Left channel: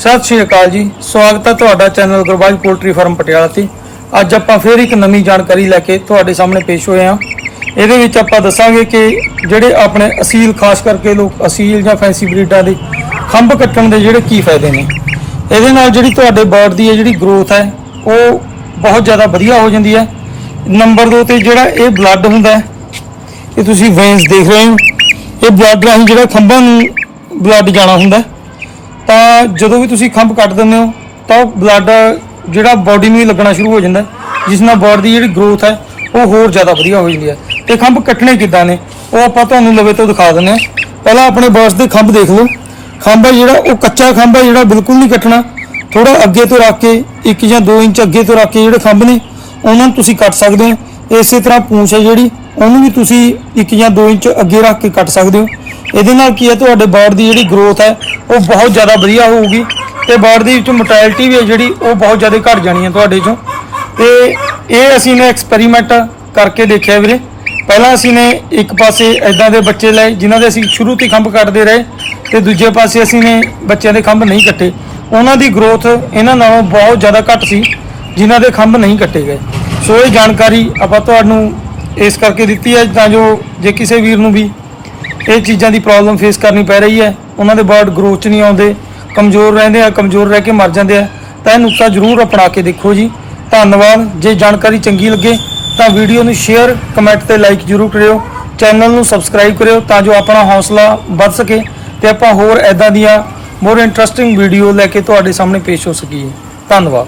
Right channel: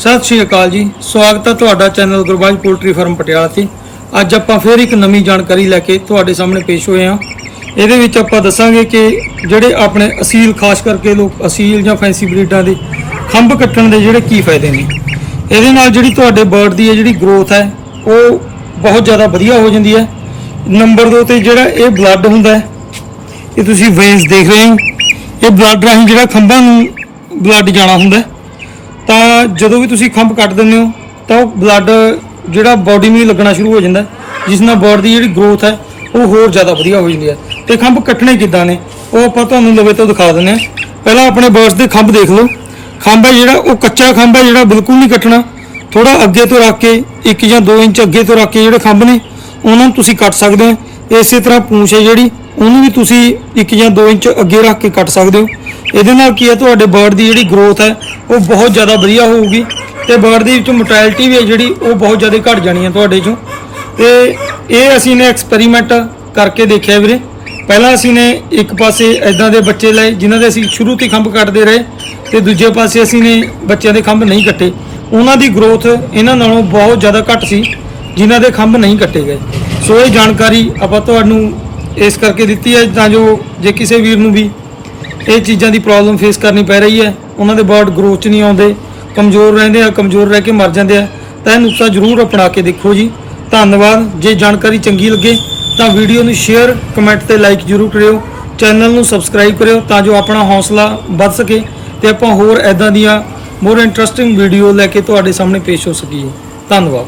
ਸਤਿ ਸ਼੍ਰੀ ਅਕਾਲ ਜੀ। ਸਵਾਗਤ ਹੈ ਤੁਹਾਡਾ channel Gurbaj poultry farm Patiala ਤੇ। ਅੱਜ ਆਪਾਂ ਫੇਰ ਇੱਕ ਨਵੀਂ ਜਾਣਕਾਰੀ ਲੈ ਕੇ ਤੁਹਾਡੇ ਸਾਹਮਣੇ ਪੇਸ਼ ਹੋਏ ਹਾਂ। ਇਹਦੇ ਵਿੱਚ ਆਪਾਂ ਦੱਸਾਂਗੇ ਕਿ ਜਿਹੜੇ ਆਪਣੇ ਅਸੀਲ, ਖਾਸ ਕਰਕੇ ਲੋਕ ਅਸੀਲ ਜਾਂ ਫੈਂਸੀ ਬਰੀਡਾਂ ਦੇ ਖੰਭ ਕੱਟਣ ਦੇ ਜਿਹੜੇ ਕੀ ਫਾਇਦੇ ਨੇ। ਇਹਦੇ ਨਾਲ ਜਿਹੜੀ ਤੁਹਾਡੇ ਬਰਡ ਦੀ ਹੈ ਜਿਹੜੀ ਗਰੋਥ ਹੈ, ਉਹ ਬਹੁਤ ਜ਼ਿਆਦਾ ਵਧੀਆ ਹੋ ਜਾਂਦੀ ਹੈ। ਨੰਬਰ 2 ਤੇ ਜਿਹੜਾ ਇਹ ਬਲੱਡ ਹੁੰਦਾ ਹੈ, ਇਹ ਤੁਸੀਂ ਵੇਨਸ ਦੇਖ ਰਹੇ ਹੋ। ਇਹ ਬਲੱਡ ਰਾਹੀਂ ਜਿਹੜਾ ਖੰਭਾਂ ਨੂੰ ਬਲੱਡ ਜਾਣਾ ਹੁੰਦਾ ਹੈ। ਤਾਂ ਜਦੋਂ ਵੀ ਤੁਸੀਂ ਖੰਭ ਕੱਟ ਦਿੰਦੇ ਹੋ, ਤਾਂ ਉਹ ਬਲੱਡ ਜਿਹੜਾ ਬਾਡੀ ਨੂੰ ਹੀ ਲੱਗਣਾ ਸ਼ੁਰੂ ਹੋ ਜਾਂਦਾ ਜਿਸ ਨਾਲ ਬਰਡ ਦੀ ਜਿਹੜੀ ਗਰੋਥ ਹੈ, ਉਹ ਹੋਰ ਜ਼ਿਆਦਾ ਵਧੀਆ ਹੋ ਜਾਂਦੀ ਹੈ। ਤੇ ਖੰਭ ਕੱਟਣੇ ਕਿੱਦਾਂ ਨੇ, ਉਹ ਆਪਾਂ ਤੁਹਾਨੂੰ ਲਵੇ ਤੋਂ ਦਿਖਾ ਦਿੰਦੇ ਹਾਂ। ਪਹਿਲਾਂ ਆਪਣੇ ਬਰਡਸ ਦੇ ਖੰਭ ਦੇਖ ਲਓ। ਖੰਭ ਹੈ ਜਿਹੜਾ, ਉਹ ਕੱਚਾ ਖੰਭ ਹੈ ਜਿਹੜਾ ਬਿਲਕੁਲ ਨਹੀਂ ਕੱਟਣਾ। ਥੋੜਾ ਅੱਗੇ ਤੋਂ ਰੱਖ ਕੇ 1 ਜਾਂ 2 ਇੰਚ ਅੱਗੇ ਤੋਂ ਰੱਖ ਕੇ ਜਿਹੜੇ ਖੰਭ ਨੇ, ਉਹਨਾਂ ਨੂੰ ਤੁਸੀਂ ਕੱਟ ਸਕਦੇ ਹੋ। ਇਸੇ ਤਰ੍ਹਾਂ ਪੂੰਛ ਹੈ ਜਿਹੜੀ, ਉਹਨੂੰ ਵੀ ਤੁਸੀਂ 1 ਜਾਂ 2 ਇੰਚ ਅੱਗੇ ਰੱਖ ਕੇ ਕੱਟ ਸਕਦੇ ਹੋ। ਇਹਦੇ ਨਾਲ ਕੀ ਹੈ, ਤੁਹਾਡੇ ਬਰਡ ਦੀ ਜਿਹੜੀ ਗਰੋਥ ਹੈ, ਉਹ ਬਹੁਤ ਜ਼ਿਆਦਾ ਵਧੀਆ ਹੋਊਗੀ ਤੇ ਬਰਡ ਦੇ ਵਿੱਚ ਮੋਰਟੈਲਿਟੀ ਵੀ ਹੈ ਜਿਹੜੀ, ਉਹ ਬਹੁਤ ਜ਼ਿਆਦਾ ਘਟ ਜਾਣੀ ਹੈ ਤੁਹਾਡੇ ਚੋਂ। ਤੇ ਇਹ ਅਸੀਂ ਨੇ ਐਕਸਪੈਰੀਮੈਂਟ ਕਰਕੇ ਦੇਖਿਆ ਵੀਰੇ। ਪਹਿਲਾਂ ਅਸੀਂ ਨੇ ਇੱਕ ਪਾਸੇ ਐਦਾਂ ਦੇ ਬੱਚੇ ਲਏ, ਜਿਨ੍ਹਾਂ ਦੇ ਅਸੀਂ ਸ਼ੁਰੂ ਤੋਂ ਹੀ ਖੰਭ ਕੱਟਦੇ ਰਹੇ ਤੇ ਦੂਜੇ ਪਾਸੇ ਅਸੀਂ ਨੇ ਬੱਚਿਆਂ ਦੇ ਖੰਭ ਨਹੀਂ ਕੱਟੇ। ਉਹਨਾਂ ਦੀ ਗਰੋਥ ਇਹਨਾਂ ਨਾਲੋਂ ਬਹੁਤ ਜ਼ਿਆਦਾ ਘੱਟ ਸੀ, ਜਿਨ੍ਹਾਂ ਦੇ ਖੰਭ ਨਹੀਂ ਕੱਟੇ ਗਏ। ਸੋ ਇਹ ਜਾਣਕਾਰੀ ਆਪਾਂ ਤੁਹਾਨੂੰ ਇਸ ਕਰਕੇ ਦਿੱਤੀ ਹੈ, ਤਾਂ ਜੋ ਜੇ ਕਿਸੇ ਵੀਰ ਨੂੰ ਵੀ ਇਹ ਚੀਜ਼ਾਂ ਦੀ ਪ੍ਰੋਬਲਮ ਫੇਸ ਕਰਨੀ ਪੈ ਰਹੀ ਹੈ। ਉਹਨਾਂ ਦੇ ਬਰਡ ਗਰੋਥ 'ਚ ਨਹੀਂ ਆਉਂਦੇ। ਕਮਜ਼ੋਰ ਰਹਿੰਦੇ ਆ, ਕਮਜ਼ੋਰ ਰਹਿ ਕੇ ਮਰ ਜਾਂਦੇ ਆ। ਤਾਂ ਇਹ ਨੁਕਤਾ ਜ਼ਰੂਰ ਅਪਣਾ ਕੇ ਦੇਖੋ ਜੀ। ਧੰਨਵਾਦ। ਜੇ ਜਾਣਕਾਰੀ ਚੰਗੀ ਲੱਗੇ ਤਾਂ ਵੀਡੀਓ ਨੂੰ ਸ਼ੇਅਰ ਕਮੈਂਟ ਤੇ ਲਾਈਕ ਜ਼ਰੂਰ ਕਰਿਓ। ਚੈਨਲ ਨੂੰ ਸਬਸਕ੍ਰਾਈਬ ਕਰਿਓ ਤਾਂ ਜੋ ਆਪਣਾ ਹੌਸਲਾ ਵੱਧ ਸਕੇ ਤੇ ਆਪਾਂ ਹੋਰ ਐਦਾਂ ਦੀਆਂ ਮੋਰ ਇੰਟਰਸਟਿੰਗ ਵੀਡੀਓ ਲੈ ਕੇ ਤੁਹਾਡੇ ਸਾਹਮਣੇ ਪੇਸ਼ ਹੋ ਸਕੀਏ। ਧੰਨਵਾਦ।